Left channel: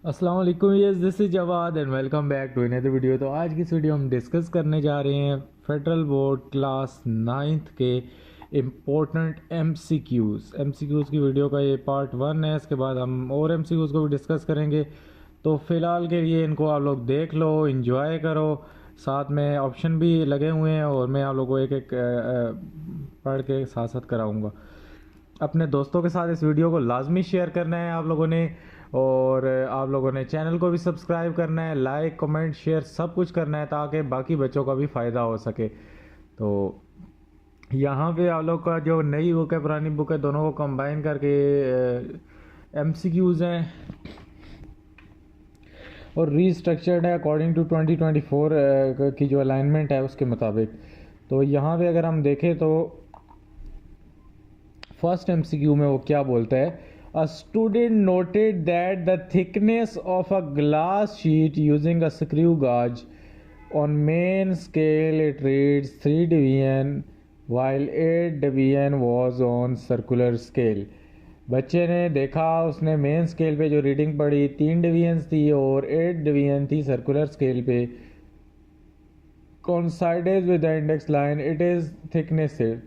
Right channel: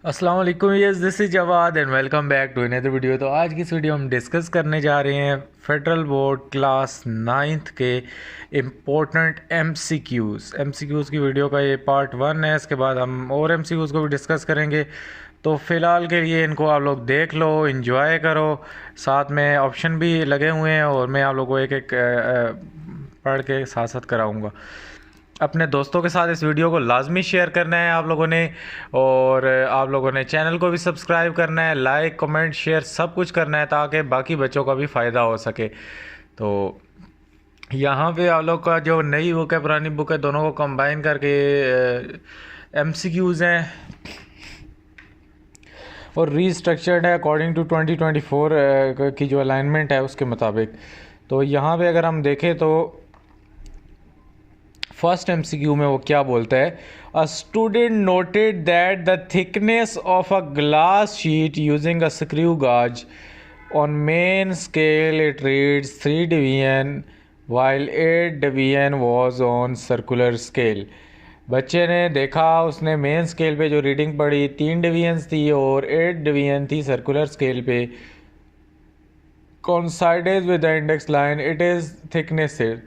अस्सलाम वालेकुम, yes this is Jawad and welcome back to another video. तो आज की इस वीडियो हम डिस्कस करने जा रहे हैं फेडरल बोर्ड क्लास 9th के इम्पोर्टेंट एमसीक्यूज़ की वीडियो का ये पार्ट 1 है। इसके बाद हम और एमसीक्यूज़ को भी डिस्कस करेंगे। तो फ़िलहाल के लिए इनको आप लोग देख लो, इन्जॉय करो। साथ में ऑप्शन भी लगे हुए हैं और मैं आप लोगों को एक एक पढ़ के साथ साथ कराऊँगा। अपने दोस्तों के साथ इस वीडियो को लाजमी शेयर करना है आप लोगों ने, और आप लोगों ने चैनल को भी सब्सक्राइब करना है, लाइक कमेंट शेयर सब कुछ करना है ताकि बाकी बच्चों का भी फ़ायदा हो सके। तो यहाँ पे आप लोग का जो नई बुक है पुरानी बुक है दोनों को कंबाइन करके एमसीक्यूज़ हैं और रीस्ट्रक्चर्ड है अकॉर्डिंग टू 2024 की जो अलाइनमेंट है उसके मुताबिक। तो यहाँ पे अगर हम देखें तो फर्स्ट एमसीक्यू में वो क्या बोलता है, a student noted that the thickness of a glass sheet using a screw gauge on main scale it reads 3 division while 8 division was on circular scale. बच्चे ने देखा, उसने मेन स्केल पे जो रीडिंग पढ़ी 3 डिवीजन्स थी और 8 डिवीजन थी सर्कुलर स्केल पे। Coincided with the index line it is thickness है,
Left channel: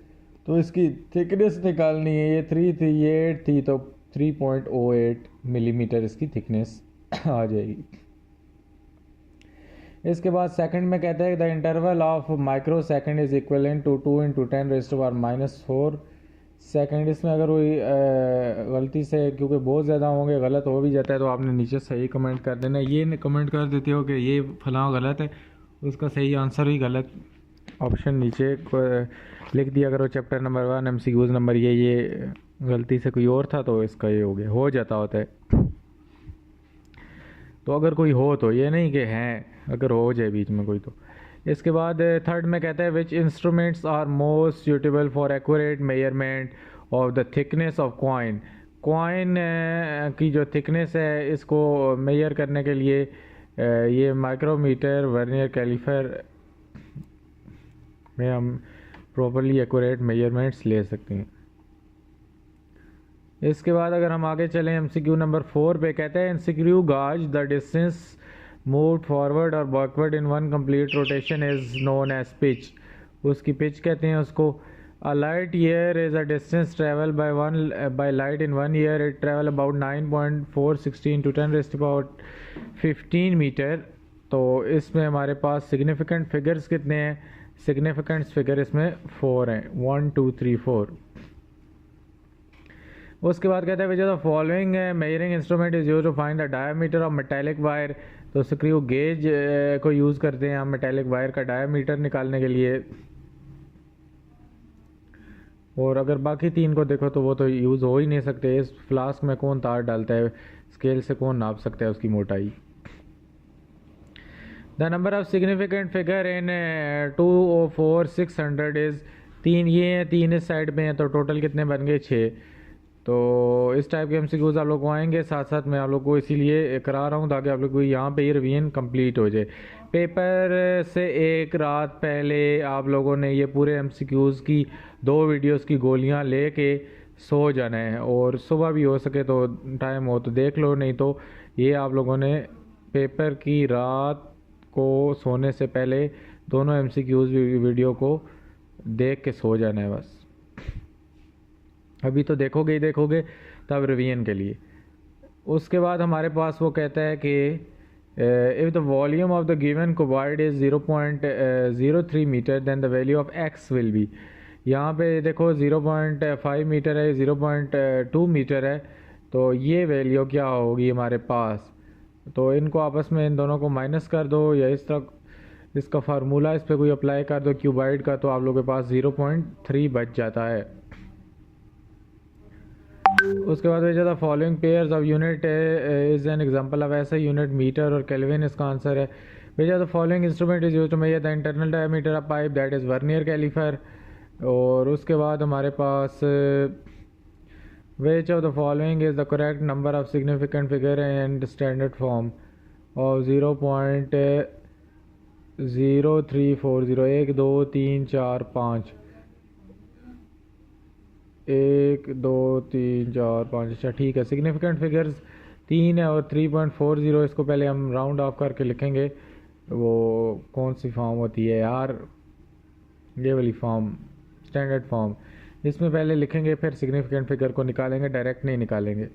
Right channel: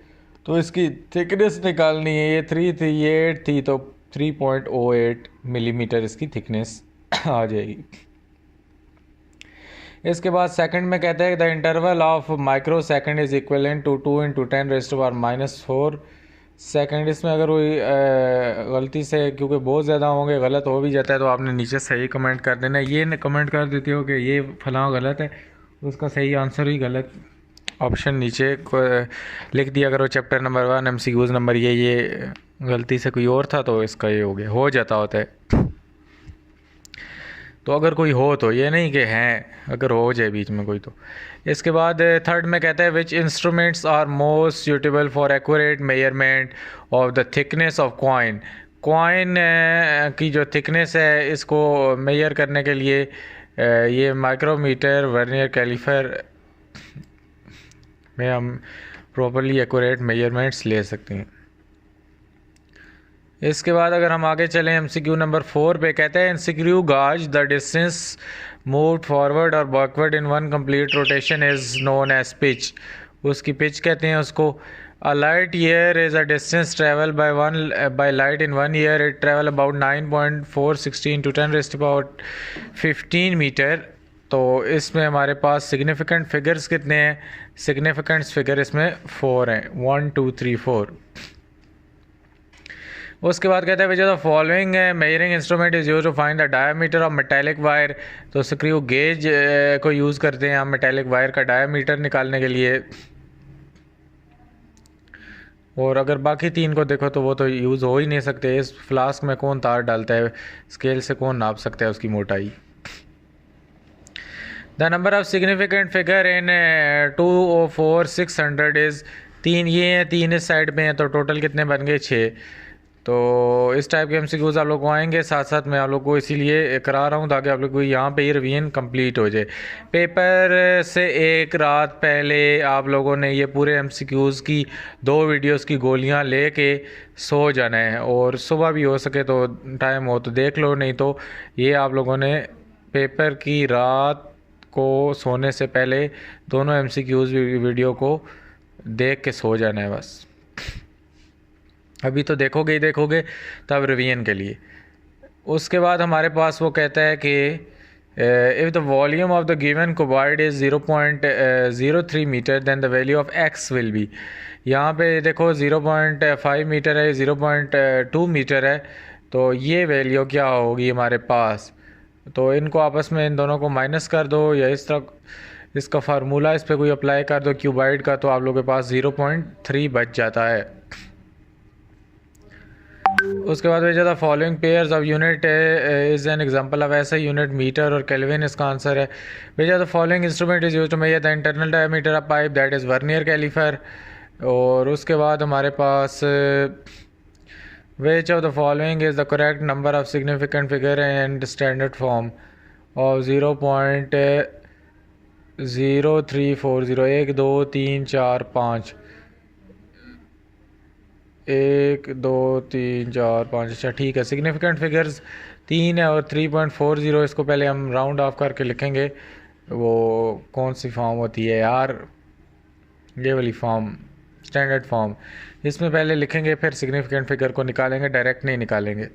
तो इसकी थिकनेस निकालनी है। ये 3 थी, ये 8 थी, तो 3.08 मिलीमीटर इसकी थिकनेस आ जाएगी। इसके बाद सेकंड में कहते हैं the interval of micro second is equivalent to 2 × 10⁻⁻⁴ second. इसमें अगर कोई गलती से, क्योंकि बहुत ज़्यादा होंगे, गलत हो भी जाता है तो आपने नीचे सही कमेंट कर देना। ये कमेंट कर देते हो कि ये फलां गलत है, उसका सही आंसर ही गलत ऑप्शन नीचे लिख दिया करो। चैप्टर नंबर 1 एमसीक्यूज़ नंबर ये गलती से कोई और था तो इसका ये हो गया, हो जाता होता है। तो अगर कोई हो तो ये नहीं कि हैं, अगर हो जाए बीच में कोई तो। इसके बाद थर्ड में कहता है which instruments are most suitable for accurate measurement of the thickness of coin. Coin की जो थिकनेस है इसको मेजर करने के लिए ये माइक्रोमीटर वर्नियर कैलिपर में हम प्रॉपरली एक्यूरेट मेजरमेंट्स ले सकते हैं। इसके बाद अगर हम आगे चलें एमसीक्यू नंबर 4 पे कहते हैं screw gauge the distance moved forward और backward in one complete rotation is known as pitch. उसकी पिच कहते हैं उसको। A light year is a distance travel by light in 1 year it travel about 9.416 × 10⁻15 meter. तो इसमें हमारे पास significant figures कितने हैं? सिग्निफिकेंट फिगर इसमें 4 हैं, 1 2 3 4। उसके बाद कहते हैं which the following measuring instrument is use to find the diameter of metallic wire. तो स्क्रू गेज को यूज़ करते हैं हम मेटालिक वायर का डायमीटर निकालने के लिए। और अगर बाकी 3 को देखो तो वो तो यूज़ हो ही नहीं सकते। इस फ्लास्क में कौन तार डालता है, स्केल से कौन नाप सकता है उसकी मोटाई। The number of significant figure in 204,600 is 3। ये हैं 3 इस साइड में हैं, तो टोटल कितने बन गए? 6। तो इस टाइप के एमसीक्यूज़ आप लोग को आएंगे। साथ साथ मैं आप लोग को इसीलिए करा रहा हूँ ताकि आप लोग को यहाँ पे ही रिवीजन कंप्लीट हो जाए। पेपर से एक रात पहले आप लोगों ने ये पूरे एमसीक्यूज़ की 2 वीडियोस की गोलियाँ लेके सो जाना है, और सुबह भी हो सके तो टाइम हो तो देख लो, नहीं तो ये आप लोगों ने पेपर की रात को सोने से पहले दोनों एमसीक्यूज़ वीडियो को देख के सो जाना है बस। अभी तो देखोगे ही देखोगे, तब रिवीजन के लिए। उसके बाद हमारे पास वो कहता है कि if the volume of the given cuboid is 0.03 metre then the value of X will be. यहाँ पे देखो 0.5 मीटर है, 0.2 मीटर है, तो ये वैल्यू क्या होगी हमारे पास? तो इनको आपस में इन दोनों को माइनस कर दो, या इस तरह इसका फार्मूला इस पर कोई अप्लाई कर दो क्यूबॉइड का, तो आप लोगों के पास 0.3 बच जाता है। उसके बाद भेजा था following pairs of unit is an example of ऐसा यूनिट मीटर और केल्विन इसका आंसर है। भेजा था following instrument is used to measure the internal diameter of pipe that is vernier caliper. और उसके बाद हमारे पास which of the following is the correct number of significant figure and standard form of 0.0340 1 2 3 4 5 1 2 3 4 5। अच्छा ठीक है, सिग्निफिकेंट फिगर्स 3 है और 3.40 इसको पहले हम राउंड ऑफ करके लिखेंगे। वो कौन सी फॉर्म होती है यार, ये वाली फॉर्म, स्टैंडर्ड फॉर्म, इसमें पहले लिखेंगे फिर सिग्निफिकेंट फिगर को निकालेंगे, डायरेक्ट नहीं निकालेंगे।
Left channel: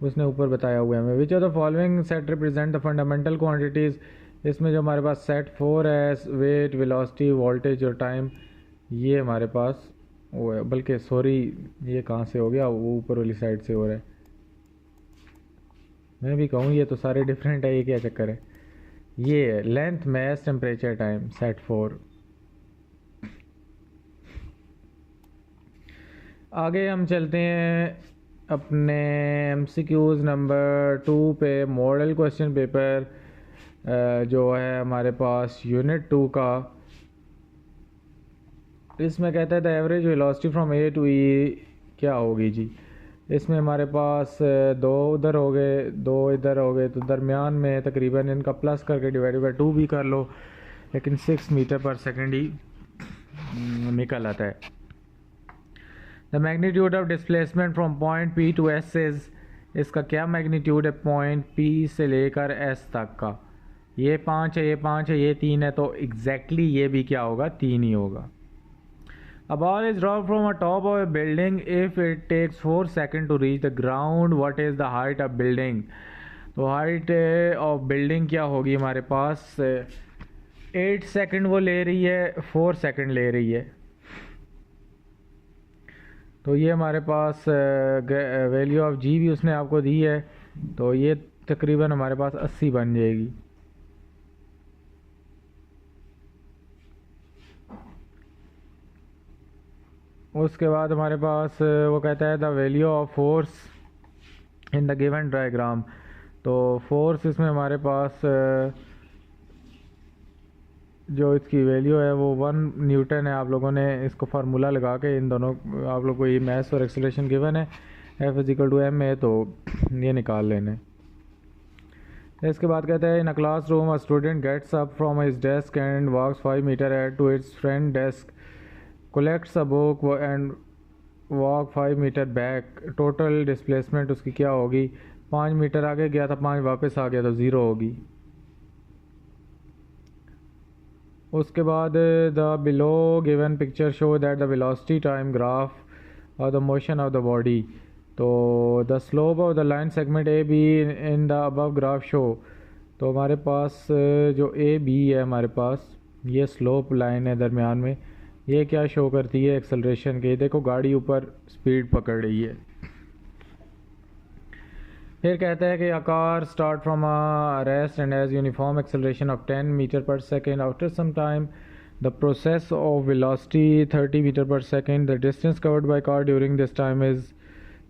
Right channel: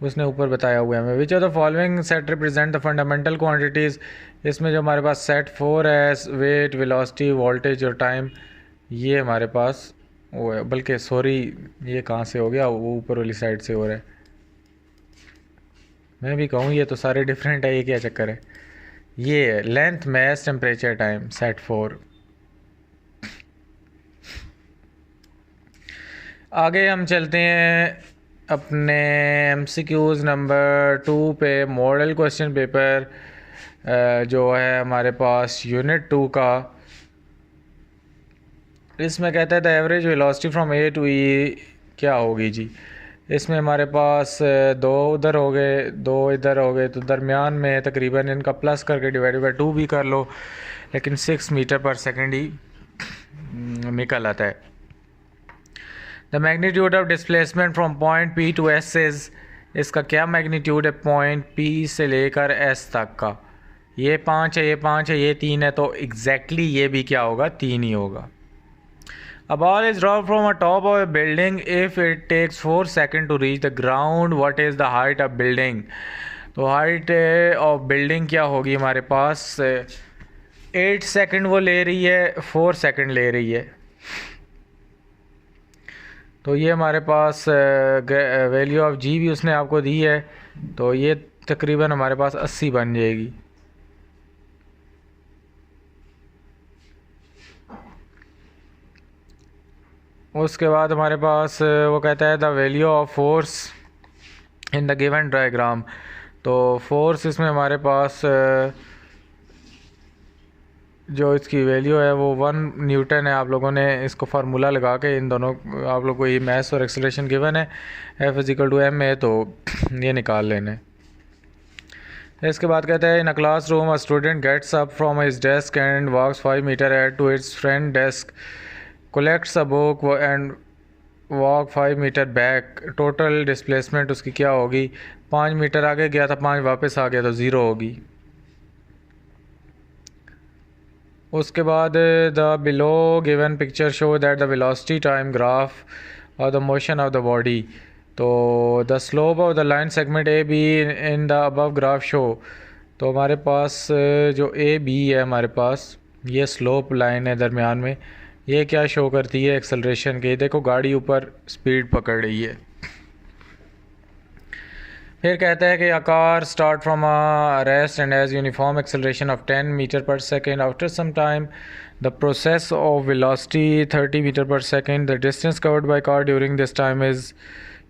उसने ऊपर बताया हुआ है हमें। विच of the following set represent the fundamental quantities. इसमें जो हमारे पास सेट 4 है, वेट, वेलोसिटी, वोल्टेज और टाइम, ये हमारे पास वो है। बल्कि सॉरी, ये कहाँ से हो गया, वो ऊपर वाली साइड से हो रहा है। मैं भी कहूँ ये तो सारे डिफरेंट है, ये क्या चक्कर है। ये है length, mass, temperature, time, set 4। आगे हम चलते हैं अपने MCQs नंबर 2 पे। मॉडल क्वेश्चन पेपर जो है हमारे पास यूनिट 2 का, इसमें कहता है the average velocity from A to E क्या होगी जी। इसमें हमारे पास दो उधर हो गए, दो इधर हो गए, तो दरमियान में तकरीबन इनका प्लस करके डिवाइड बाई 2 भी कर लो, लेकिन 6 मीटर पर सेकेंड ही निकल आता है। The magnitude of displacement from point P to S is, इसका क्या मैग्नीट्यूड है पॉइंट P से लेकर S तक का। ये 5 है, ये 5 है, ये 3 है, तो एग्जैक्टली ये भी क्या होगा, 3 ही होगा। A ball is dropped from a top of a building. If it takes 4 seconds to reach the ground, what is the height of building? तो हाइट ऑफ बिल्डिंग क्या होगी हमारे पास, 8 सेकंड वो ले रही है, 4 सेकंड ले रही है, तो ये हमारे पास वैल्यू ऑफ जी भी उसने आपको दी है, तो ये तकरीबन हमारे पास 80 बन जाएगी। उसके बाद हमारे पास वो कहता है the value of force in the given diagram. तो फोर्स इसमें हमारे पास जो इसकी वैल्यू है वो 1 न्यूटन है। आप लोगों ने इसको फार्मूला लगा के इन दोनों, आप लोग को ये मैथ्स और एक्सेलरेशन गिवन है, F = m है, तो ये निकाल लेने। इसके बाद कहता है in a classroom a student gets up from his desk and walks 5 meter ahead to its friend desk, collects a book and walk 5 meter back. Total displacement उसकी क्या होगी, 5 मीटर आगे गया था, 5 वापस आ गया, तो 0 होगी। उसके बाद the below given picture show that the velocity time graph और the motion of the body. तो the slope of the line segment A B in the above graph show. तो हमारे पास जो ए बी है हमारे पास, ये स्लोप लाइन है दरमियान में, ये क्या शो करती है, एक्सेलरेशन के। देखो गाड़ी ऊपर स्पीड पकड़ रही है। फिर कहता है कि a car start from a rest and has uniform acceleration of 10 meter per second. After some time the process of velocity 30 meter per second. The distance covered by car during this time is,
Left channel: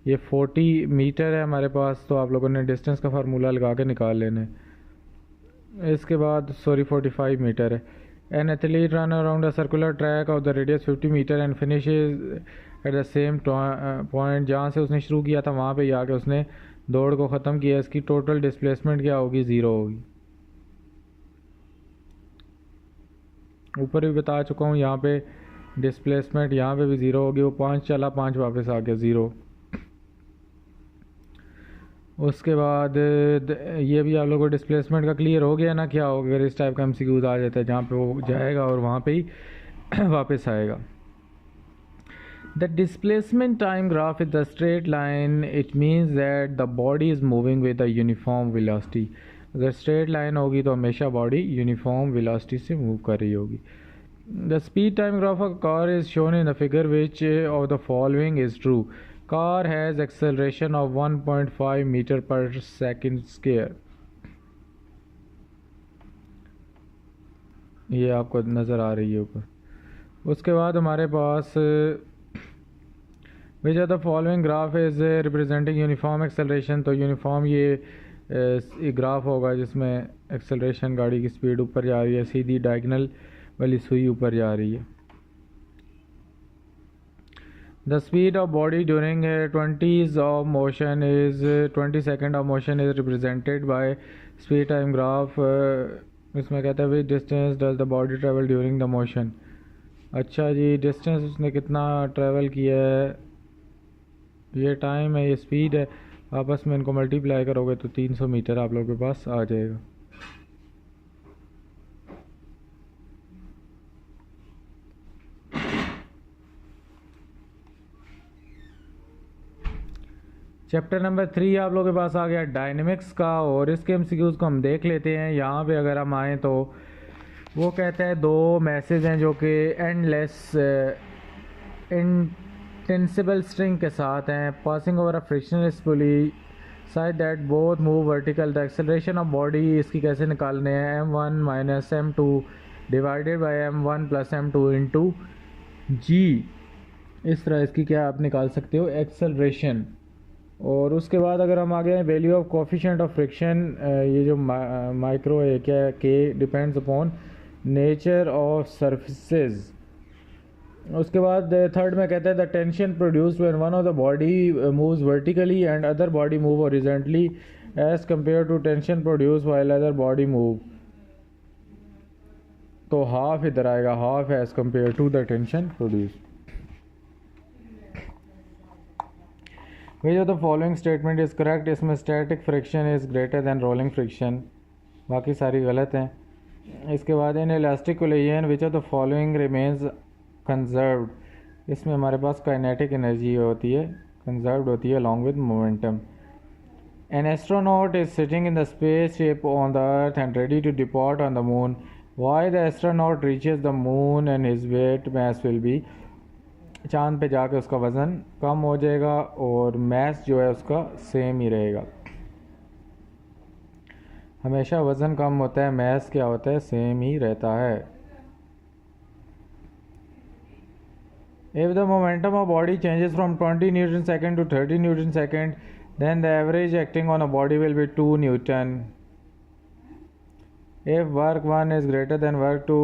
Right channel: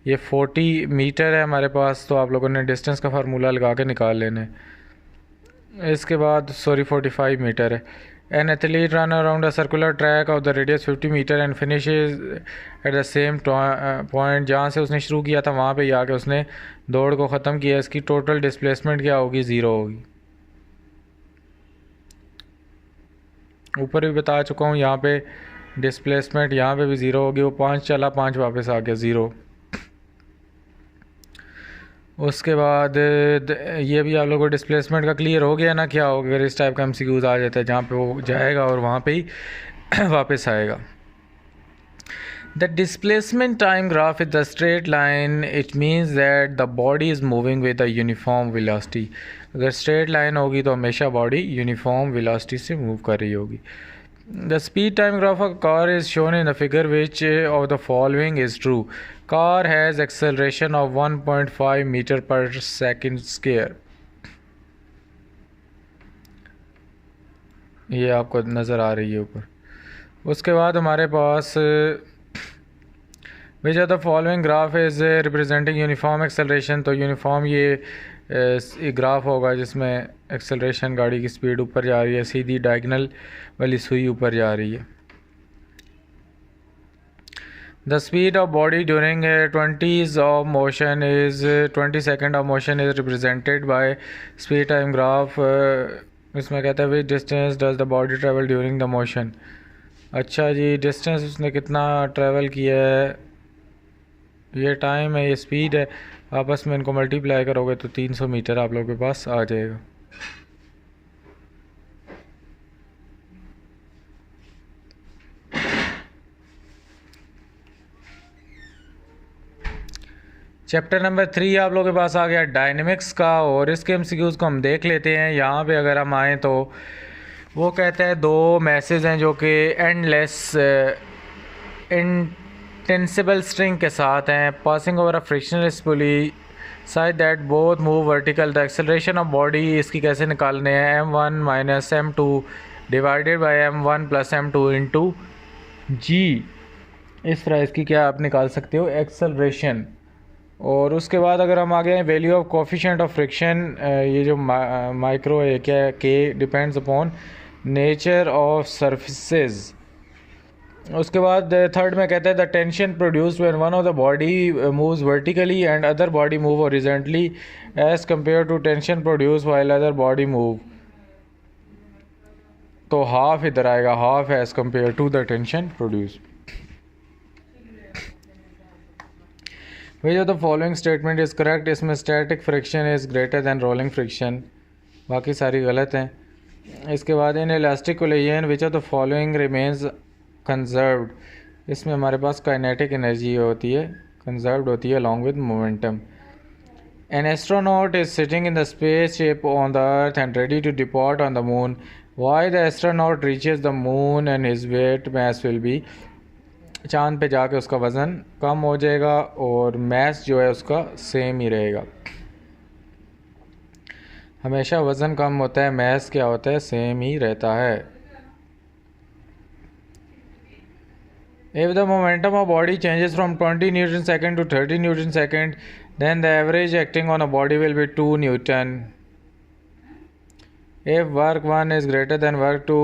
ये 40 metre है हमारे पास, तो आप लोगों ने distance का formula लगा के निकाल लेना है। इसके बाद 45 मीटर है। An athlete run around a circular track of the radius 50 metre and finishes at the same point। जहाँ से उसने शुरू किया था वहाँ पे आके उसने दौड़ को ख़त्म किया। इसकी टोटल डिस्प्लेसमेंट क्या होगी, 0 होगी। ऊपर भी बता चुका हूँ, यहाँ पे डिस्प्लेसमेंट यहाँ पे भी 0 होगी। वो 5 चला, 5 वापस आ गया, 0। उसके बाद ये भी आप लोगों को डिस्प्लेसमेंट का क्लियर हो गया ना, क्या होगा अगर इस टाइप का MCQs आ जाता है जहाँ पे वो जाएगा और वहाँ पे ही वापस आएगा। The displacement time graph is the straight line, it means that the body is moving with a uniform velocity. अगर स्ट्रेट लाइन होगी तो हमेशा बॉडी यूनिफॉर्म वेलोसिटी से मूव कर रही होगी। The speed time graph of car is shown in the figure which of the following is true. Car has acceleration of 1.5 metre per second square. ये आपको नज़र आ रही है ऊपर। उसके बाद हमारे पास which of the following graph is representing uniform acceleration. तो यूनिफॉर्म ये ग्राफ होगा जिसमें एक्सेलरेशन, गाड़ी की स्पीड ऊपर जा रही है, सीधी डायगनल वाली सुई ऊपर जा रही है। The speed of body during 20s of motion is 20 second of motion is represented by speed time graph। इसमें कहता है which distance does the body travel during the motion। अच्छा जी, डिस्टेंस उसने कितना ट्रैवल किया है, ये टाइम है, ये स्पीड है, आपस में इनको मल्टीप्लाई करोगे तो 300 मीटर आप लोगों के पास आ जाएगा। चैप्टर नंबर 3 आप लोगों के पास आ गया डायनेमिक्स का, और इसके एमसीक्यूज़ को हम देख लेते हैं। यहाँ पे अगर हम आएँ तो वो कहते हैं दो मैसेज हैं जो कि एंडलेस इंटेंसिबल स्ट्रिंग के साथ हैं, passing over a frictionless pulley side that both move vertical. The acceleration of body इसकी कैसे निकालने हैं, m1 minus m2 divided by m1 plus m2 into G. इस तरह इसकी क्या आप निकाल सकते हो एक्सेलरेशन। और उसके बाद अगर हम आगे हैं value of coefficient of friction, ये जो माइक्रो है क्या है, के depends upon nature of surfaces. उसके बाद थर्ड में कहता है the tension produced when one of the body moves vertically and other body move horizontally as compare to tension produced while other body move. तो हाफ इधर आएगा, half as compare to the tension produced. Which of the following statement is correct? इसमें static friction is greater than rolling friction, बाकी सारी गलत हैं। इसके बाद in elastic collision which of the following remains conserved, इसमें हमारे पास kinetic energy होती है, conserved होती है along with momentum। An astronaut is sitting in the spaceship on the earth and ready to depart on the moon. Why the astronaut reaches the moon and his weight mass will be, चांद पे जाके उसका वज़न कम हो जाएगा और mess जो है उसका सेम ही रहेगा। हमेशा वज़न कम होता है, मैस क्या होता है, सेम ही रहता है। If the momentum of body changes from 20 Newton second to 30 Newton second, then the average acting on a body will be 2 Newton. If work 1 is greater than work 2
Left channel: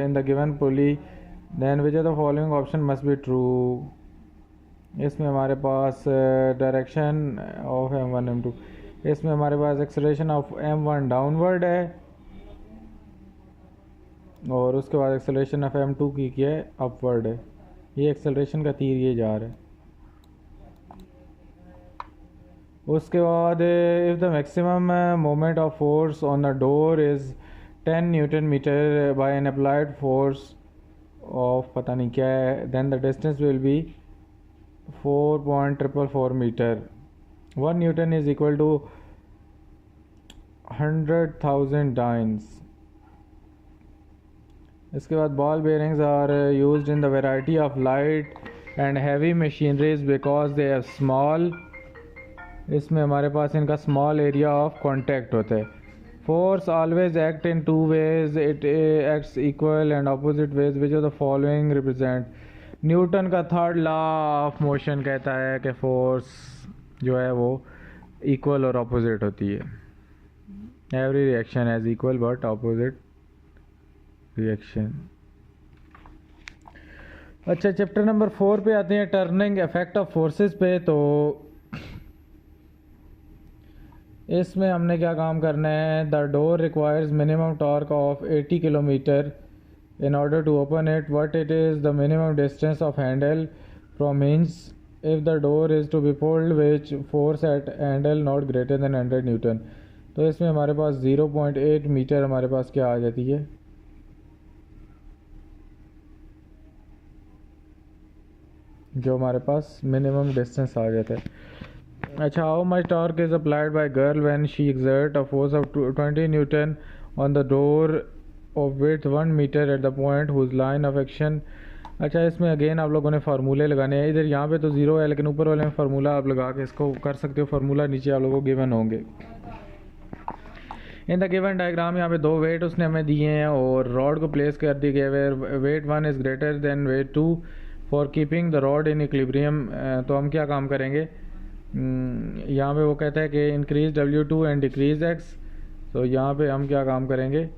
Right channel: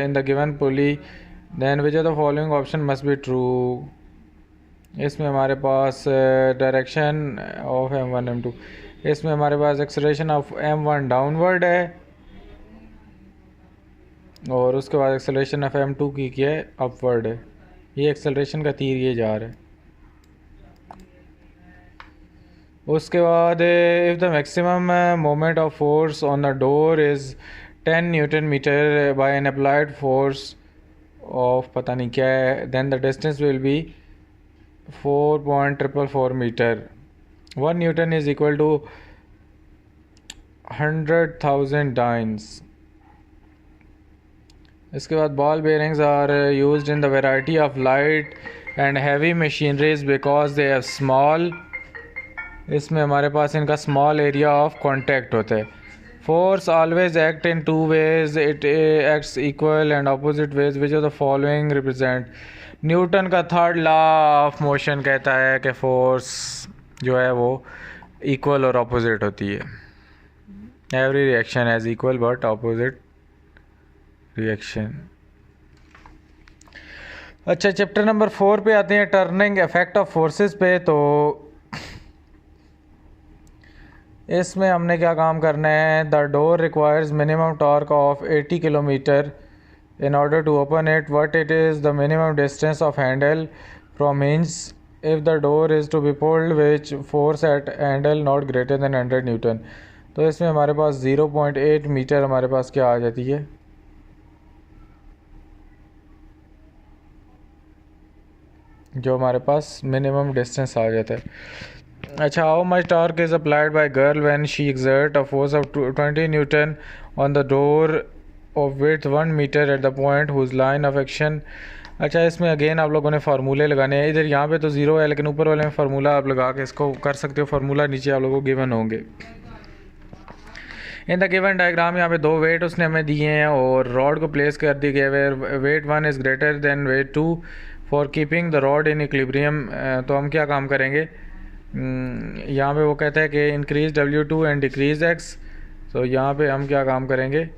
in the given pulley, then which of the following option must be true? इसमें हमारे पास direction of m1 m2, इसमें हमारे पास acceleration of m1 downward है और उसके बाद acceleration of m2 की क्या है, अपवर्ड है। ये एक्सेलरेशन का तीर ये जा रहा है। उसके बाद if the maximum moment of force on the door is 10 newton meter by an applied force of पता नहीं क्या है, then the distance will be 4.444 meter. 1 newton is equal to 100,000 dynes. इसके बाद ball bearings are used in the variety of light and heavy machineries because they have small, इसमें हमारे पास इनका small area of contact होता है। Force always act in two ways, it acts equal and opposite ways, which of the following represent. Newton का third law of motion कहता है कि force जो है वो इक्वल और अपोजिट होती है। Every reaction has equal but opposite reaction. अच्छा, चैप्टर नंबर 4 पे आते हैं, टर्निंग इफेक्ट ऑफ फोर्सेस पे। तो इसमें हमने क्या काम करना है, the door requires minimum torque of 80 kilometre in order to open it. What it is the minimum distance of handle from hinge if the door is to be pulled which force at handle not greater than 100 Newton। तो इसमें हमारे पास 0.8 metre हमारे पास क्या आ जाती है, जो हमारे पास minimum distance आ जाता है। अच्छा, how much torque is applied by girl when she exert a force of 20 newton on the door of width 1 meter at the point whose line of action. अच्छा, इसमें अगेन आप लोगों ने फार्मूले लगाने हैं। इधर यहाँ पे तो ज़ीरो है लेकिन ऊपर वाले में फार्मूला आप लगा के इसको कर सकते हो। फार्मूला नीचे आप लोगों को गिवन होंगे। इन द गिवन डायग्राम यहाँ पे दो वेट उसने हमें दिए हैं और रॉड को प्लेस कर दी गए where weight 1 is greater than weight 2 for keeping the rod in equilibrium. तो हम क्या काम करेंगे, यहाँ पे वो कहता है कि increase W2 and decrease X। तो यहाँ पे हम क्या काम करेंगे,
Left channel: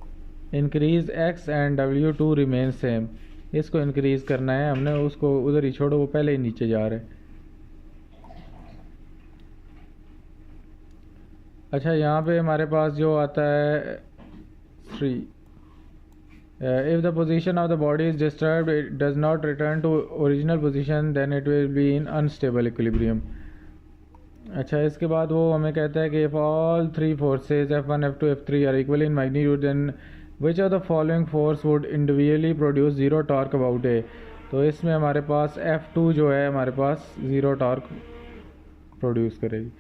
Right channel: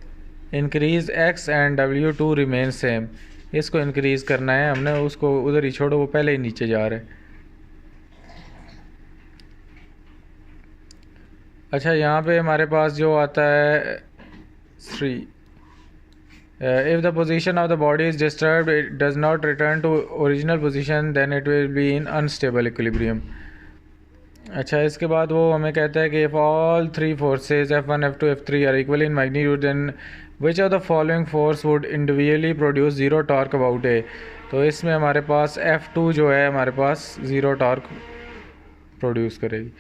increase X and W2 remain same. इसको इंक्रीज़ करना है हमने, उसको उधर ही छोड़ो, वो पहले ही नीचे जा रहा है। अच्छा, यहाँ पे हमारे पास जो आता है 3, if the position of the body is disturbed it does not return to original position then it will be in unstable equilibrium. अच्छा, इसके बाद वो हमें कहता है कि if all three forces F1 F2 F3 are equal in magnitude then which of the following force would individually produce zero torque about A. तो इसमें हमारे पास F2 जो है हमारे पास ज़ीरो टॉर्क प्रोड्यूस करेगी।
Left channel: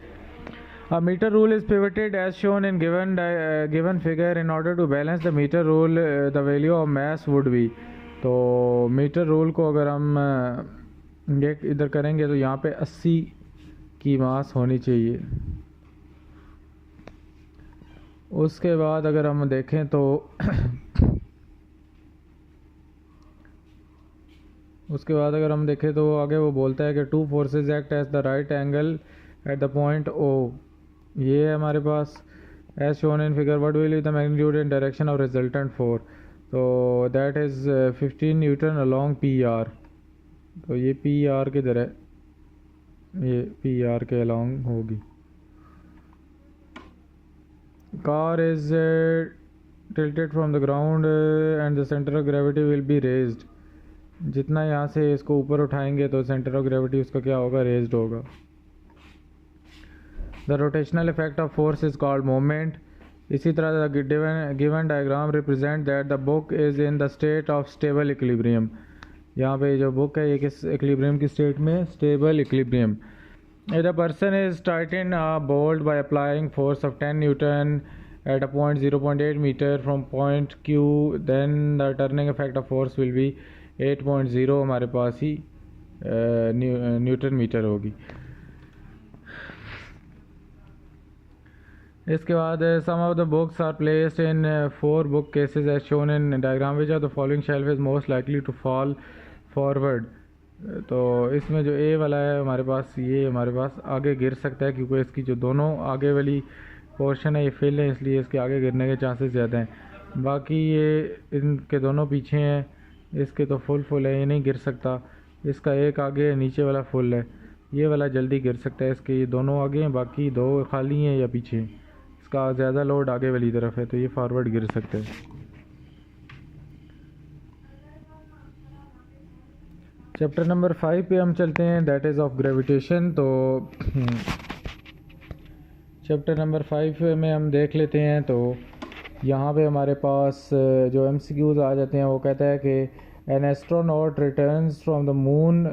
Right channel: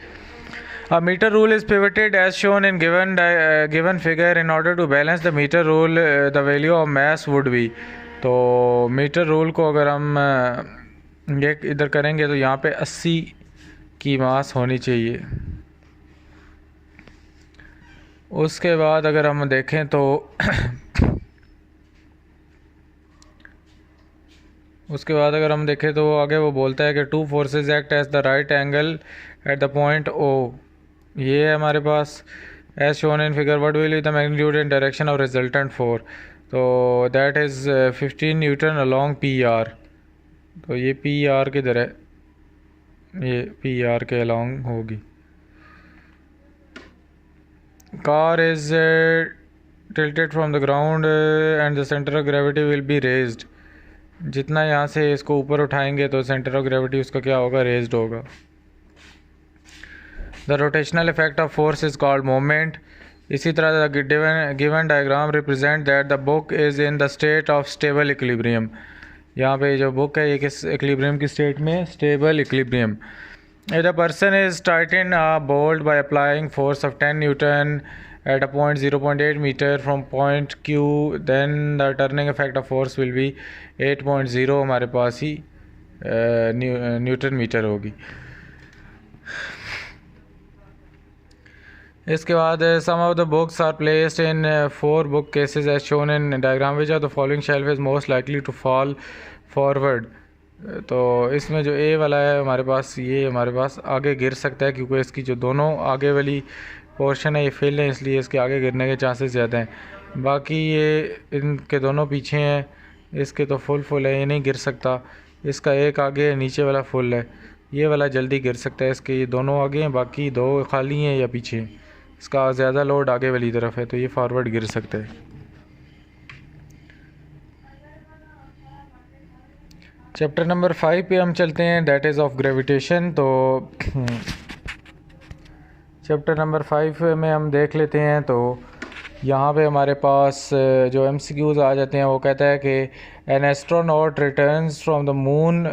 A meter rule is pivoted as shown in given figure. In order to balance the meter rule, the value of mass would be। तो मीटर रूल को अगर हम ये इधर करेंगे तो यहाँ पे 80 की मास होनी चाहिए। उसके बाद अगर हम देखें तो उसके बाद अगर हम देखें तो आगे वो बोलता है कि two forces act as the right angle at the point O. ये है हमारे पास as shown in figure what will be the magnitude and direction of resultant force. तो that is 15 newton along P R. तो ये P R किधर है, ये पी आर के अलोंग होगी। Car is tilted from the ground and the center of gravity will be raised। जितना यहाँ से इसको ऊपर उठाएंगे तो सेंटर ऑफ ग्रेविटी उसका क्या होगा, रेज्ड होगा। The rotational effect of force is called moment. इसी तरह given diagram represent that the book is in the state of stable equilibrium. यहाँ पे जो बुक है ये किस इक्विलिब्रियम की स्टेट में, stable equilibrium. If the person is Titan a bolt by applying force of 10 Newton at a point 0.8 meter from point Q, then the turning effect of force will be 8.0 हमारे पास ही Newton metre होगी। इसके बाद some of the books are placed in 4 book cases as shown in diagram, which of the following shelf is most likely to fall forward। तो इसमें जो ए वाला है हमारे पास, ये हमारे पास आगे गिर सकता है क्योंकि इसकी जो दोनों आगे वाली पोर्शन है ये फेल है, इसलिए इसके आगे गिरने के चांसेस ज़्यादा हैं। बाकी ये इनके दोनों पीछे हैं, इसके तो फुल है, ये नहीं गिर सकता। इसका एक आगे है, नीचे वाला फुल है, ये वाला जल्दी गिर सकता है। इसके ये दोनों आगे हैं, बाकी दो खाली हैं या पीछे। इसका ज़्यादा लोड आगे वाली तरफ है तो ये फॉरवर्ड गिर सकता है। चैप्टर नंबर 5 पे हम चलते हैं, दैट इज़ ऑफ ग्रेविटेशन। तो चैप्टर नंबर 5 में हम देख लेते हैं। तो यहाँ पे हमारे पास जो MCQs आ जाते हैं वो कहता है कि an astronaut returns from the moon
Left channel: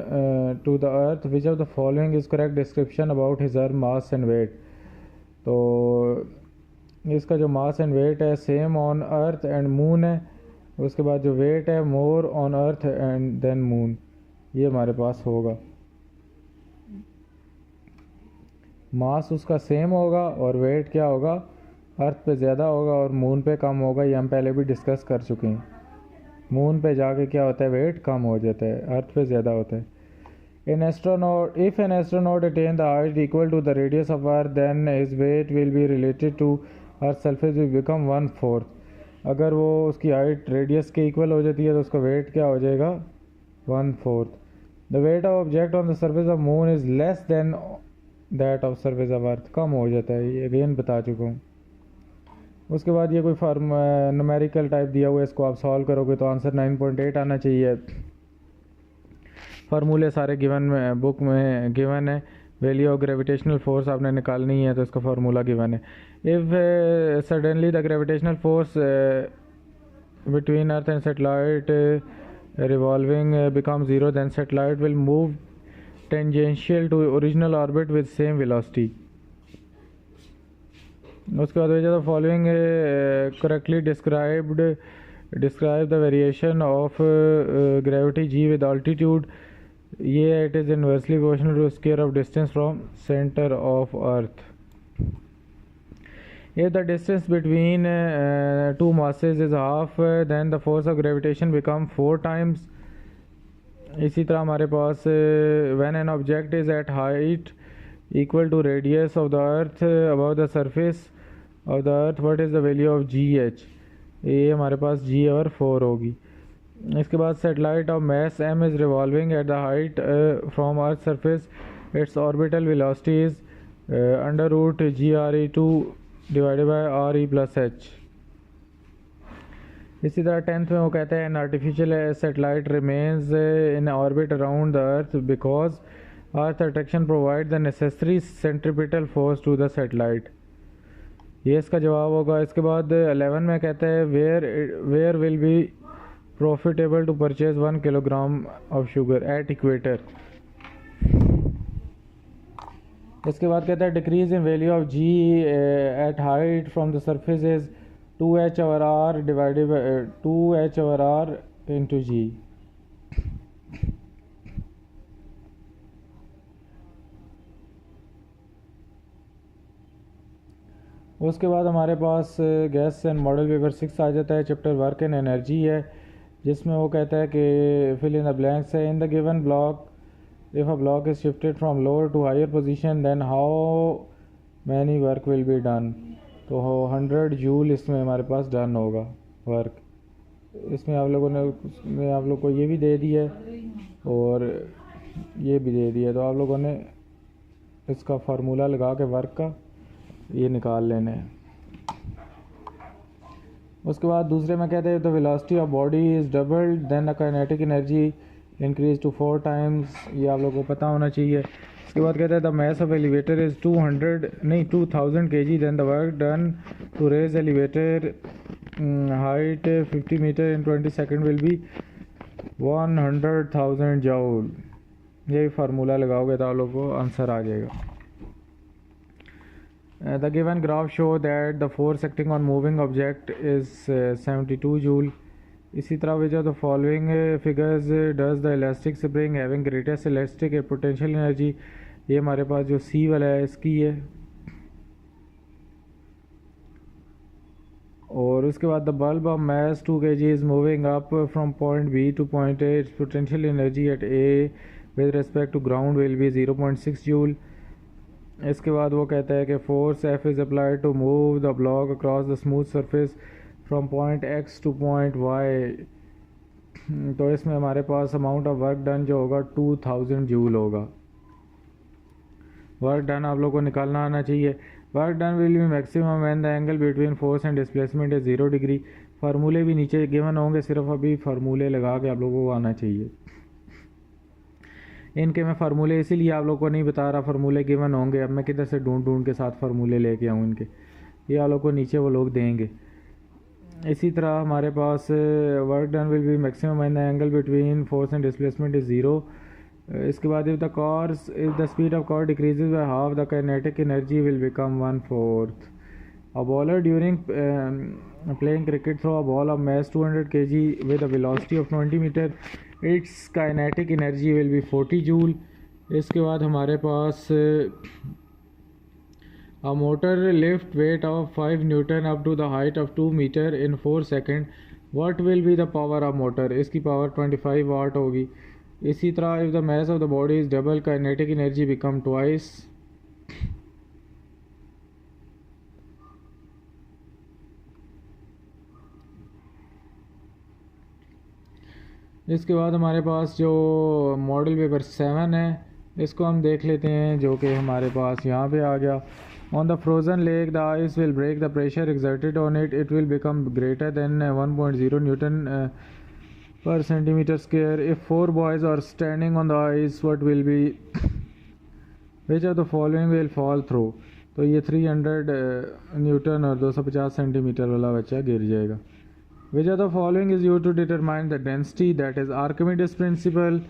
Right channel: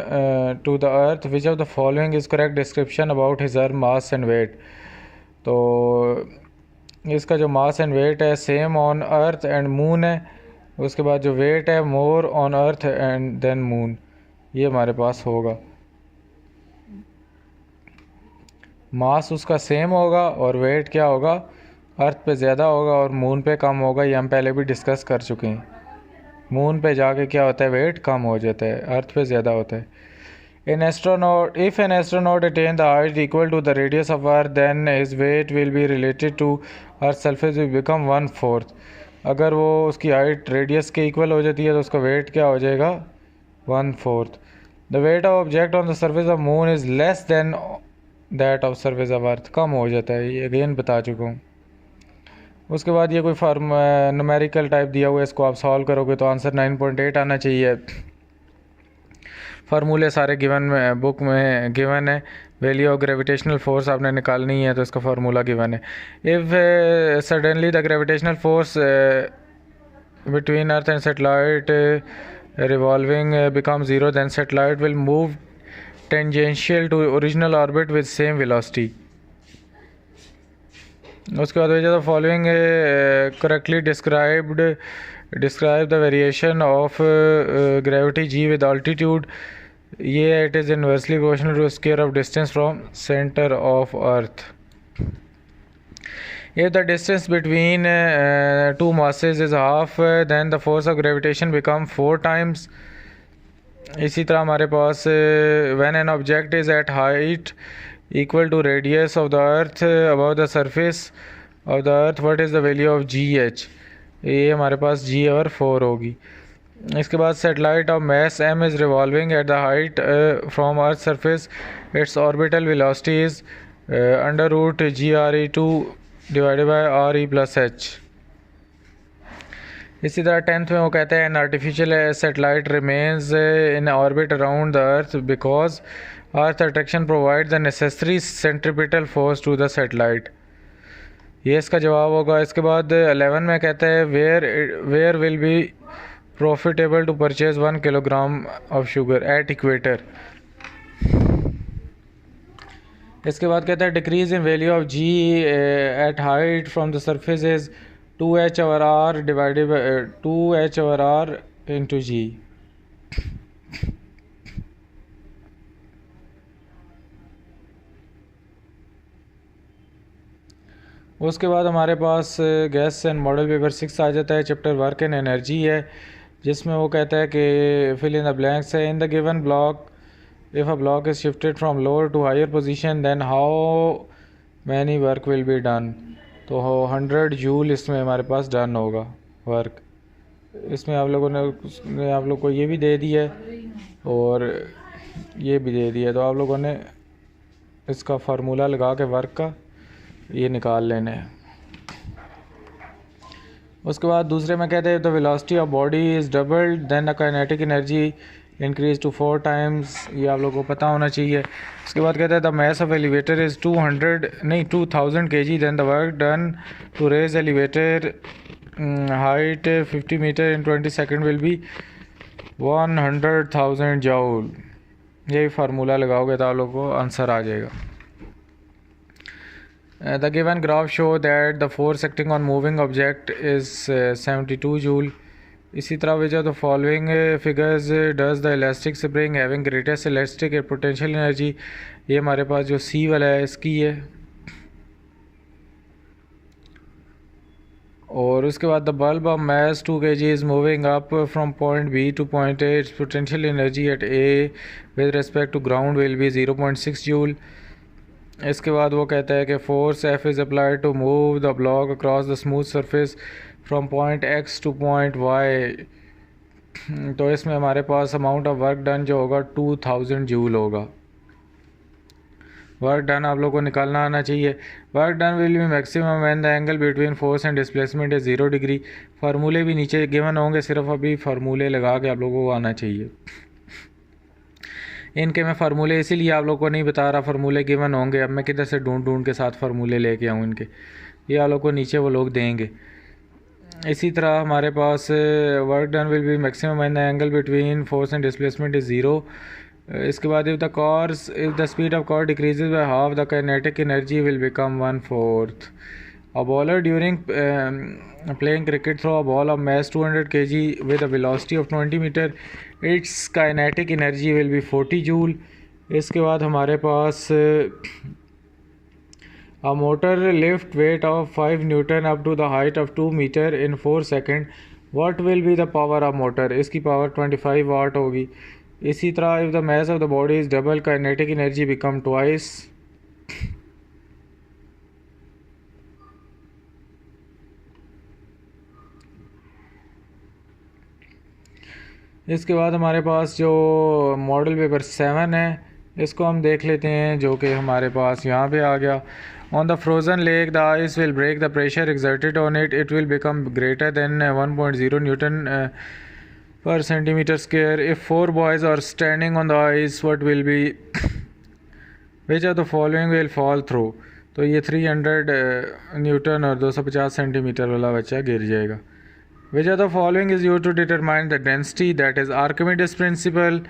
to the earth, which of the following is correct description about his earth mass and weight. तो इसका जो मास एंड वेट है same on earth and moon है। उसके बाद जो वेट है more on earth and then moon, ये हमारे पास होगा। मास उसका सेम होगा और वेट क्या होगा, अर्थ पे ज़्यादा होगा और मून पे कम होगा। ये हम पहले भी डिस्कस कर चुके हैं। मून पे जाके क्या होता है, वेट कम हो जाता है, अर्थ पे ज़्यादा होता है। If an astronaut attain the height equal to the radius of Earth, then his weight will be related to Earth's surface will become 1/4। अगर वो उसकी हाइट रेडियस के इक्वल हो जाती है तो उसका वेट क्या हो जाएगा, 1/4। The weight of object on the surface of moon is less than that of surface of Earth। कम हो जाता है, ये अगेन बता चुका हूँ। उसके बाद ये कोई न्यूमेरिकल टाइप दिया हुआ है, इसको आप सॉल्व करोगे तो आंसर 9.8 आना चाहिए। फार्मूले सारे गिवन बुक में गिवन है। वैल्यू ऑफ ग्रेविटेशनल फोर्स आपने निकालनी है तो इसका फार्मूला गिवन है। If suddenly the gravitational force between earth and satellite revolving becomes 0, then satellite will move tangential to original orbit with same velocity। उसके बाद the following correctly describe the variation of gravity g with altitude। ये it is inversely proportional to square of distance from center of earth। If the distance between two masses is half, then the force of gravitation become 4 times। इसी तरह हमारे पास when an object is at height equal to radius of the earth above the surface of the earth, what is the value of gh। ये हमारे पास g और 4 होगी। इसके बाद satellite of mass m is revolving at the height from earth surface, its orbital velocity is under root gre2 divided by R E plus H. इसी तरह 10th में वो कहता है an artificial satellite remains in orbit around the earth because earth attraction provide the necessary centripetal force to the satellite. ये इसका जवाब होगा। इसके बाद 11 में कहता है where will be profitable to purchase 1 kilogram of sugar at equator. इसके बाद कहता है decrease in value of G at height from the surface is 2h/r divided by 2h/r into G. उसके बाद हमारे पास गैस एंड मॉडल पेपर 6 आ जाता है। चैप्टर वर्क एंड एनर्जी है, जिसमें वो कहता है कि फिल इन द ब्लैंक्स है। In the given block if a block is shifted from lower to higher position then how many work will be done. तो 100 जूल इसमें हमारे पास डन होगा वर्क। इसमें आप लोगों ने आप लोग को ये भी दे दिया है और ये भी दे दिया है, तो आप लोगों ने इसका फार्मूला लगा के वर्क का ये निकाल लेने हैं। उसके बाद दूसरे में कहते हैं the velocity of body is doubled then the kinetic energy increase to 4 times. ये आप लोगों को पता होना चाहिए। उसके बाद कहते हैं the mass of elevator is 2000 kg then the work done to raise elevator height 50 meter in 20 second will be 100,000 joule. ये फार्मूला लगाओगे तो आप लोगों को आंसर आ जाएगा। The given graph show that the force acting on moving object is 72 joule. इसी तरह which of the following figures does the elastic spring having greatest elastic potential energy। ये हमारे पास जो C वाला है इसकी है। और उसके बाद the bulb of mass 2 kg is moving up from point B to point A. Its potential energy at A with respect to ground will be 0.6 joule। इसके बाद वो कहता है कि force F is applied to move the block across the smooth surface from point X to point Y। तो इसमें हमारे पास अमाउंट ऑफ वर्क डन जो होगा 2000 जूल होगा। वर्क डन आप लोग को निकालना आना चाहिए। Work done will be maximum when the angle between force and displacement is 0 degree. फार्मूले भी नीचे गिवन होंगे, सिर्फ अभी फार्मूले लगा के आप लोगों को आना चाहिए। इनके मैं फार्मूले इसीलिए आप लोग को नहीं बता रहा, फार्मूले गिवन होंगे। अब मैं किधर से ढूंढ के साथ फार्मूले लेके आऊँ इनके, ये आप लोग को नीचे वो लोग देंगे। इसी तरह हमारे पास work done will be maximum when the angle between force and displacement is 0। इसके बाद if the speed of car decreases by half the kinetic energy will become 1/4। A bowler during playing cricket throw a ball of mass 200 kg with a velocity of 20 meter. Its kinetic energy will be 40 joule. इसके बाद हमारे पास a motor lift weight of 5 Newton up to the height of 2 meter in 4 second. What will be the power of motor? इसकी power 25 वाट होगी। इसी तरह if the mass of the body is double, kinetic energy become twice। इसके बाद हमारे पास जो model paper 7 है इसको हम देख लेते हैं, जो कि हमारे पास यहाँ पे आ गया। On the frozen lake the ice will break the pressure exerted on it, it will become greater than 1.0 newton per centimeter square. If 4 boys are standing on the ice what will be which of the following will fall through. तो ये 300 Newton और 250 centimetre वाला बच्चा गिर जाएगा। Which of the following is used to determine the density, that is Archimedes principle,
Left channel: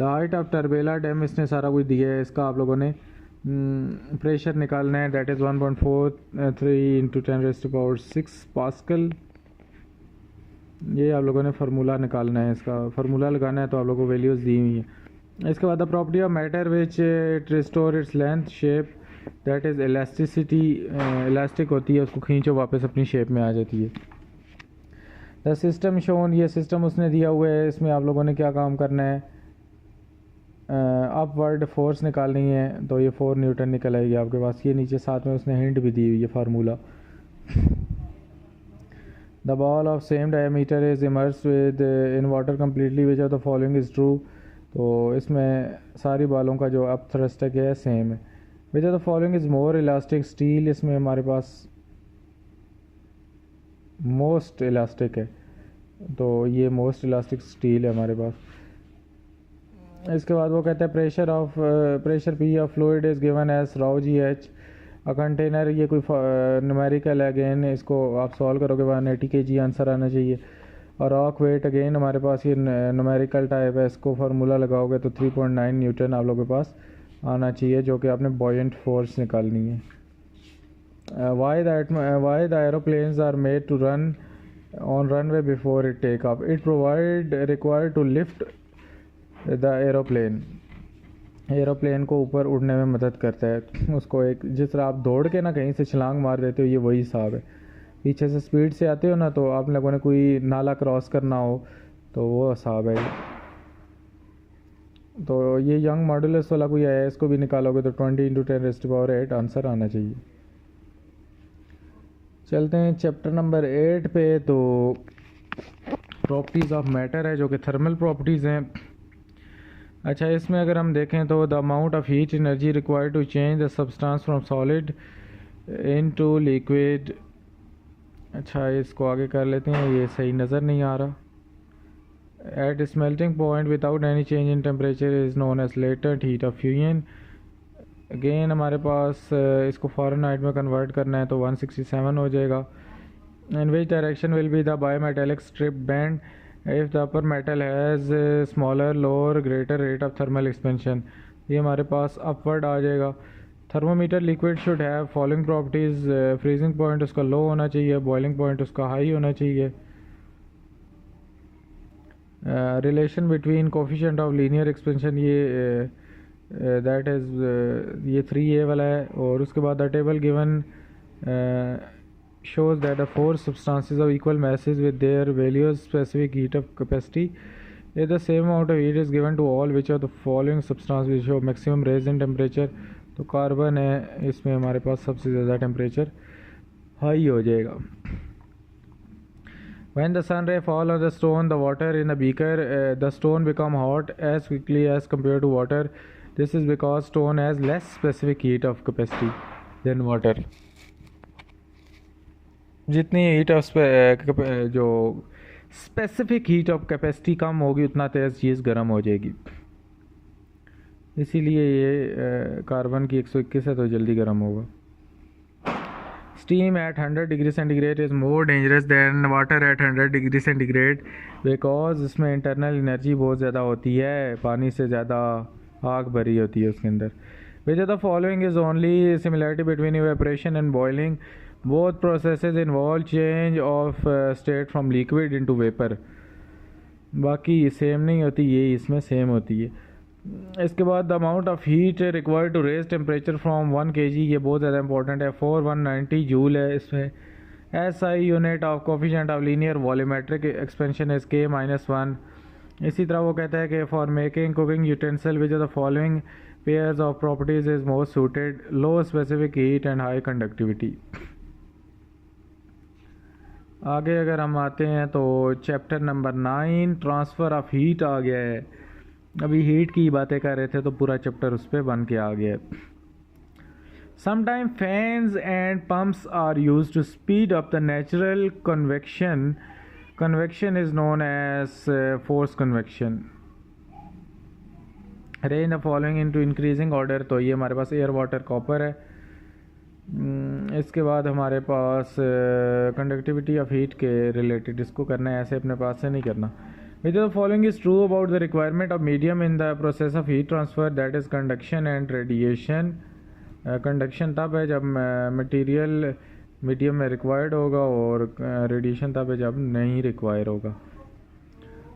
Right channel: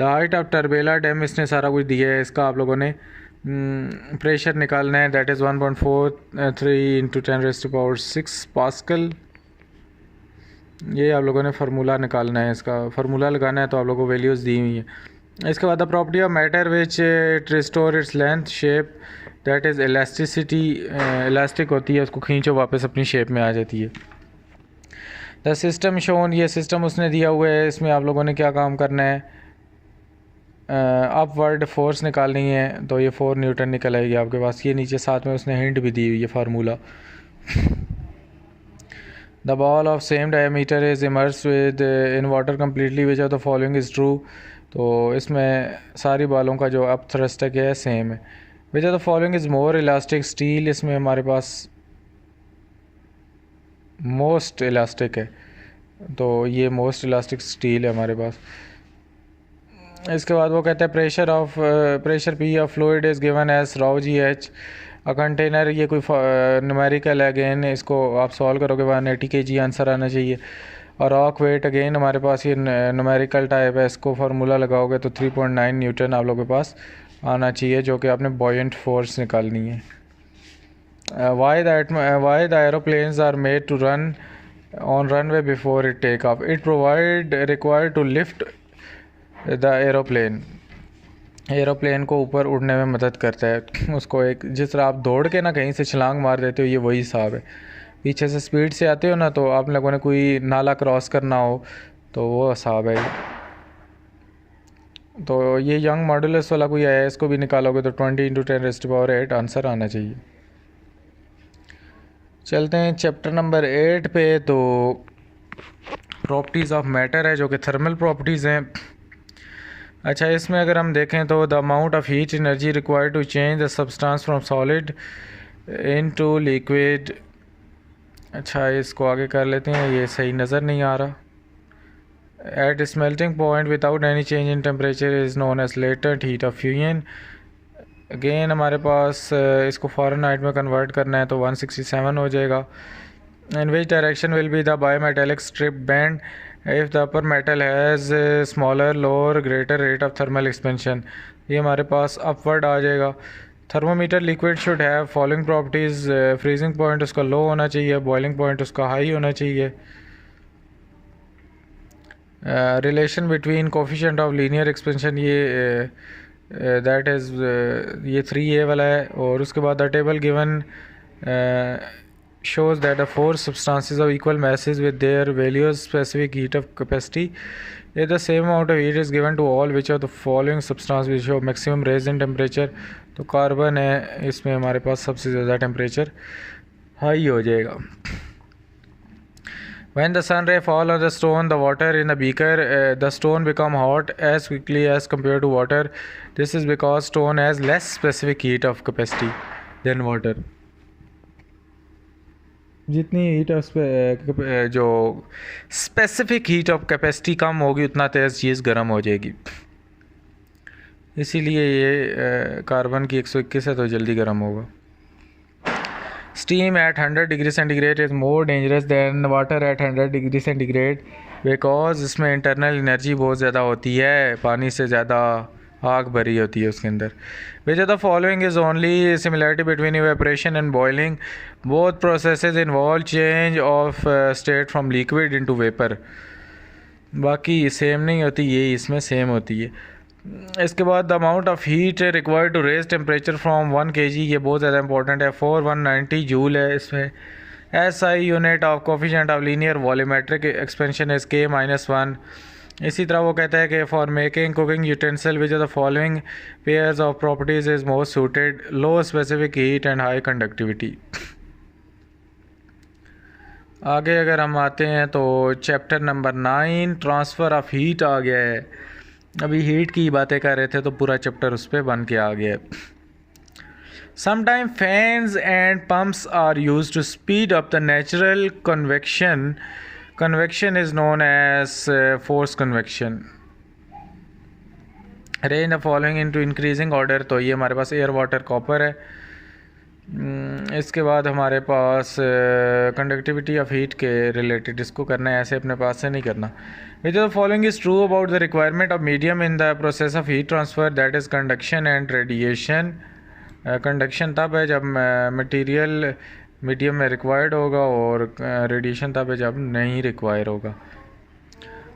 the height of Turbella dam। इसने सारा कुछ दिया है, इसका आप लोगों ने प्रेशर निकालना है, that is 1.43 × 10⁻⁶ पास्कल। ये आप लोगों ने फार्मूला निकालना है, इसका फार्मूला लगाना है, तो आप लोगों को वैल्यूज़ दी हुई हैं। इसके बाद the property of matter which it restore its length shape, that is elasticity. Elastic होती है, उसको खींचो वापस अपनी शेप में आ जाती है। द सिस्टम शोन, ये सिस्टम उसने दिया हुआ है। इसमें आप लोगों ने क्या काम करना है, अपवर्ड फोर्स निकालनी है, तो ये 4 न्यूटन निकल आएगी आपके पास। ये नीचे साथ में उसने हिंट भी दी हुई है formula. The ball of same diameter is immerse with in water completely which of the following is true. तो इसमें सारी बालों का जो अप थ्रस्ट है सेम है। विच of the following is more elastic steel, इसमें हमारे पास मोस्ट इलास्टिक है, तो ये मोस्ट इलास्टिक स्टील है हमारे पास। इसके बाद वो कहते हैं pressure P of fluid is given as rho g h a container. ये कोई न्यूमेरिकल है, अगेन इसको आप सॉल्व करोगे 180 kg आंसर आना चाहिए। और रॉक वेट अगेन हमारे पास ये न्यूमेरिकल टाइप है, इसको फार्मूला लगाओगे तो 3.9 न्यूटन आप लोगों के पास आना चाहिए, जो कि आपने बॉयंट फोर्स निकालनी है। Why the aeroplanes are made to run on runway before it take off, it provide required to lift the aeroplane को ऊपर उड़ने में मदद करता है उसको। एक जिस तरह आप दौड़ के ना कहीं से छलांग मार देते हो, ये वही हिसाब है। पीछे से स्पीड से आते हो ना, तो आप लोगों ने कोई नाला क्रॉस करना हो तो वो हिसाब है। तो ये यंग मॉडुलस वाला कोई है, इसको भी निकालोगे तो 20 × 10⁸ आंसर आना चाहिए। चलते हैं चैप्टर नंबर 8 पे। तो प्रॉपर्टीज़ ऑफ मैटर है, जो कि थर्मल प्रॉपर्टीज़ हैं। अच्छा, इसमें अगर हम देखें तो the amount of heat energy required to change the substance from solid into liquid. अच्छा, इसको आगे कर लेते हैं, ये सही नज़र नहीं आ रहा। At smelting point without any change in temperature is known as latent heat of fusion. Again हमारे पास इसको फ़ारेनहाइट में कन्वर्ट करना है तो 167 हो जाएगा। In which direction will be the bimetallic strip band if the upper metal has smaller lower greater rate of thermal expansion. ये हमारे पास अपवर्ड आ जाएगा। Thermometer liquid should have following properties. Freezing point उसका लो होना चाहिए, boiling point उसका high होना चाहिए। Relation between coefficient of linear expansion, ये दैट इज़ ये 3a वाला है। और उसके बाद the table given shows that the four substances of equal masses with their values specific heat of capacity, if the same amount of heat is given to all which of the following substances which show maximum raise in temperature। तो carbon है, इसमें हमारे पास सबसे ज़्यादा temperature high हो जाएगा। When the sun ray fall on the stone, the water in the beaker, the stone become hot as quickly as compared to water. This is because stone has less specific heat of capacity than water। जितनी heat of जो specific heat of capacity कम होगी, उतना तेज़ चीज़ गर्म हो जाएगी। इसीलिए ये कार्बन की 121 है तो जल्दी गर्म होगा। Steam at 100 degree centigrade is more dangerous than water at 100 degree centigrade because इसमें इंटरनल एनर्जी बहुत ज़्यादा होती है, पानी से ज़्यादा आग भरी होती है उसके अंदर। Which of the following is only similarity between evaporation and boiling, both processes involve change of state from liquid into vapour. बाकी सेम नहीं होती, ये इसमें सेम होती है। इसके बाद the amount of heat required to raise temperature from 1 kg, ये बहुत ज़्यादा इंपॉर्टेंट है। 4190 जूल है इसमें। SI unit of coefficient of linear volumetric expansion is K-1। इसी तरह वो कहता है कि for making cooking utensil which are the following pairs of properties is most suited, low specific heat and high conductivity. आगे अगर हम आते हैं तो chapter number 9 transfer of heat आ गया है। अभी हीट की बातें कर रहे थे तो पूरा चैप्टर उस पर बन के आ गया है। Sometime fans and pumps are used to speed up the natural convection. Convection is known as forced convection। Arrange the following into increasing order। तो ये हमारे पास एयर वाटर कॉपर है। इसके बाद हमारे पास कंडक्टिविटी ऑफ हीट के रिलेटेड इसको करना है, ऐसे अपने पास से नहीं करना। विच the following is true about the requirement of medium in the process of heat transfer, that is conduction and radiation. Conduction तब है जब मटीरियल मीडियम में रिक्वायर्ड होगा और रेडिएशन तब है जब नहीं रिक्वायर होगा।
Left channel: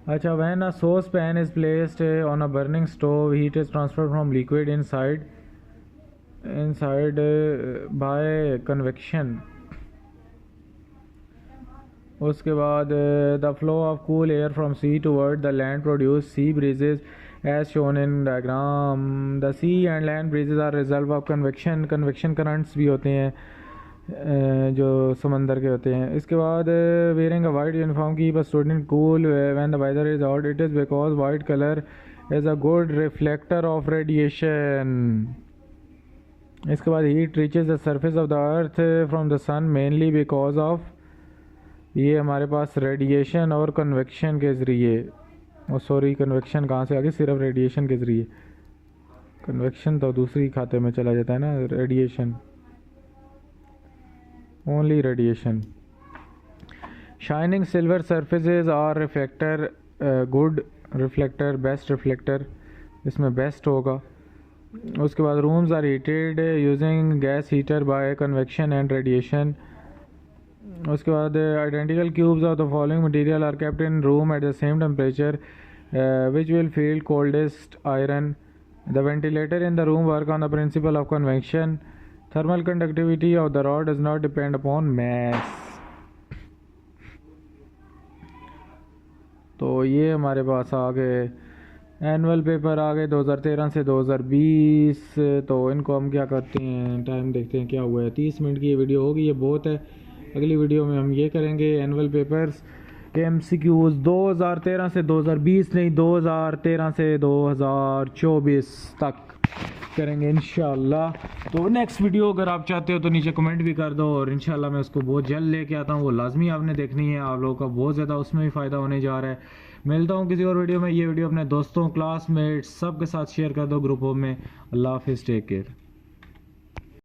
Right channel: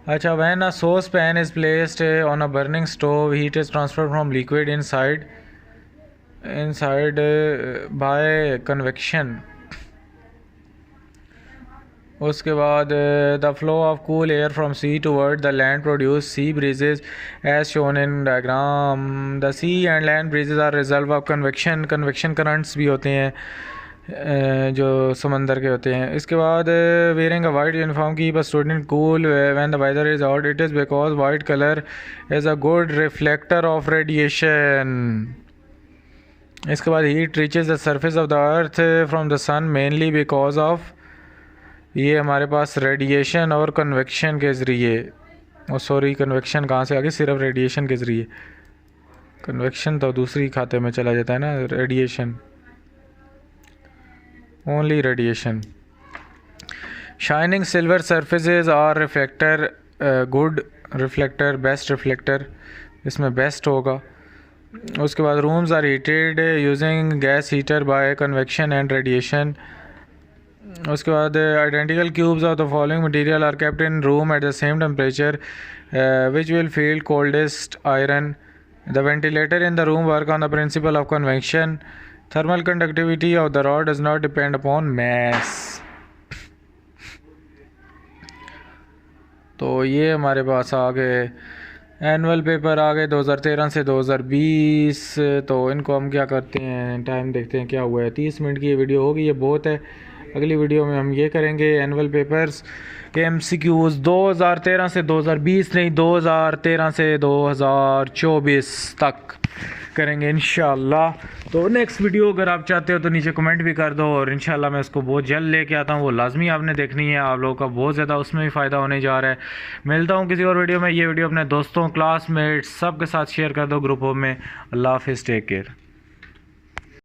अच्छा, when a saucepan is placed on a burning stove, heat is transferred from liquid inside by convection. उसके बाद the flow of cool air from sea toward the land produce sea breezes as shown in diagram. The sea and land breezes are result of convection. Convection currents भी होते हैं जो समंदर के होते हैं। इसके बाद wearing a white uniform keep a student cool when the weather is hot, it is because white colour is a good reflector of radiation. इसके बाद heat reaches the surface of the earth from the sun mainly because of, ये हमारे पास radiation और convection के ज़रिए और sorry convection कहाँ से आ गई, सिर्फ रेडिएशन के ज़रिए। कन्वेक्शन तो दूसरी खाते में चला जाता है ना, radiation, only radiation. Shining silver surfaces और reflector, good reflector, best reflector, इसमें बेस्ट होगा। उसके बाद rooms are heated using gas heater by convection and radiation. उसके बाद identical cubes of the following material are kept in room at the same temperature which will feel coldest iron. The ventilator in the room work on the principle of convection. Thermal conductivity of the rod does not depend upon mass. तो ये हमारे पास आ गए annual paper आ गए 2013 से 2020। तो इनको हम क्या करते हैं, टाइम देखते हैं क्या हुआ है। 30 मिनट की ये वीडियो होगी, ये बहुत है। अगली वीडियो में हम ये करेंगे एनुअल पेपर्स के MCQs 2013 से 2020 नहीं, 2013 से 2024 तक करेंगे इंशाल्लाह। तो नेक्स्ट वीडियो अगर आप चाहते हो तो नीचे कमेंट भी कर दो, और इंशाल्लाह मैं उसको बहुत जल्द लेके आता हूँ। वो लाजमी आपने देखनी है, आप लोगों का बहुत ज़्यादा उसमें भी फ़ायदा होने जा रहा है। मिलता हूँ किसी और वीडियो में। ये वीडियो अपने दोस्तों, क्लासमेट्स सब के साथ शेयर कर दो ग्रुपों में। अल्लाह हाफिज़, टेक केयर।